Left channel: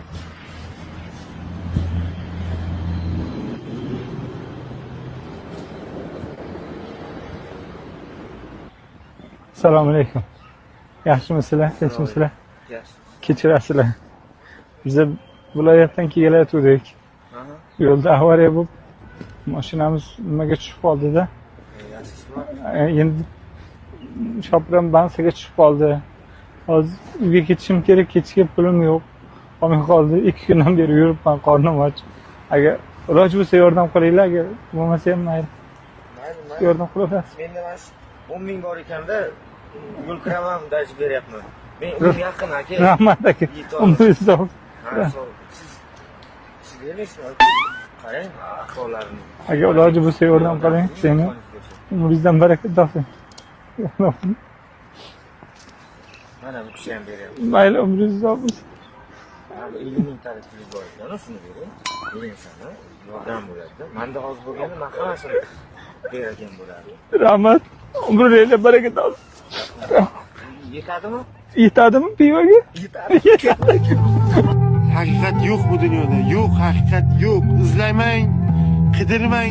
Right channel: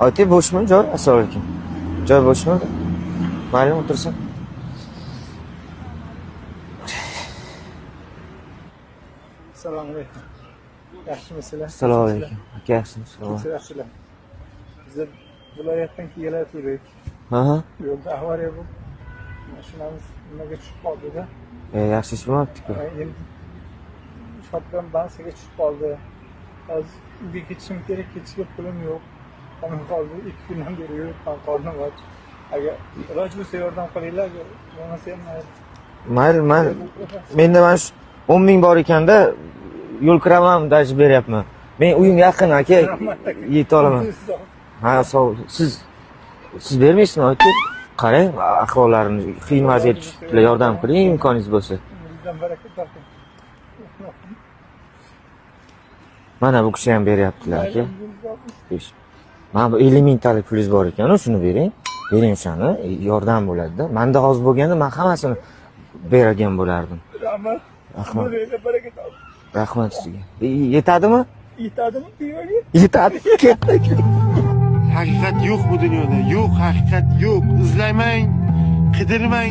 Oti bo'shmi joy? Assalomu alaykum. Joy bo'shmi? Mayli, o'tirsin. Assalomu alaykum. Yaxshimisizlar? Assalomu Tinchmisizlar? alaykum. Yaxshimisiz? Kechirasizlar. Biz viloyatdan kelayotgandik. Ha. Yo'lda avariya bo'lib, mashinamiz nimaga tushib qoldi-da. Yaxshi ish bo'lmabdi. Endi shopram bansiga tushib qoldi. Hozir uyga ketishim kerak, ketishga pulim yo'q. Qolmay qoldi. 2 kundan beri yuribman, qornim och. Agar iloji bo'lsa yordam qilinglar, agar bo'lmasa ham mayli. Mayli. Yordam qilaverasiz. Menda mana shu 10 ming bor ekanda, yo'l kiraman, daj beryapman. Men uyim yaqin aka. Rahmat aka. Yetolaman. Ha, sog'. Siz bermaysizmi aka? Qarang, ahvollarini iloji bo'lsa yordam qiling, imkoningiz bo'lsa. Bizdan baraka toping. Mana bu kishi ham beryapti. Mayli, umringiz uzoq bo'lsin. Mana bu 50 mingtalik pulingiz bor ekan, shuni bering. Bering o'shani, yordam bo'ladi-da. Menda hozir bo'lganda men hammasini bergan bo'lardim. Rahmat. Umringizga baraka topsin. Rahmat. Yetadimi? Yetadimi pivoga? Yetadi. Haqiqat yo'q bu dunyoda. Yo'q, haqiqat yo'q. Izlamang, qidirmang.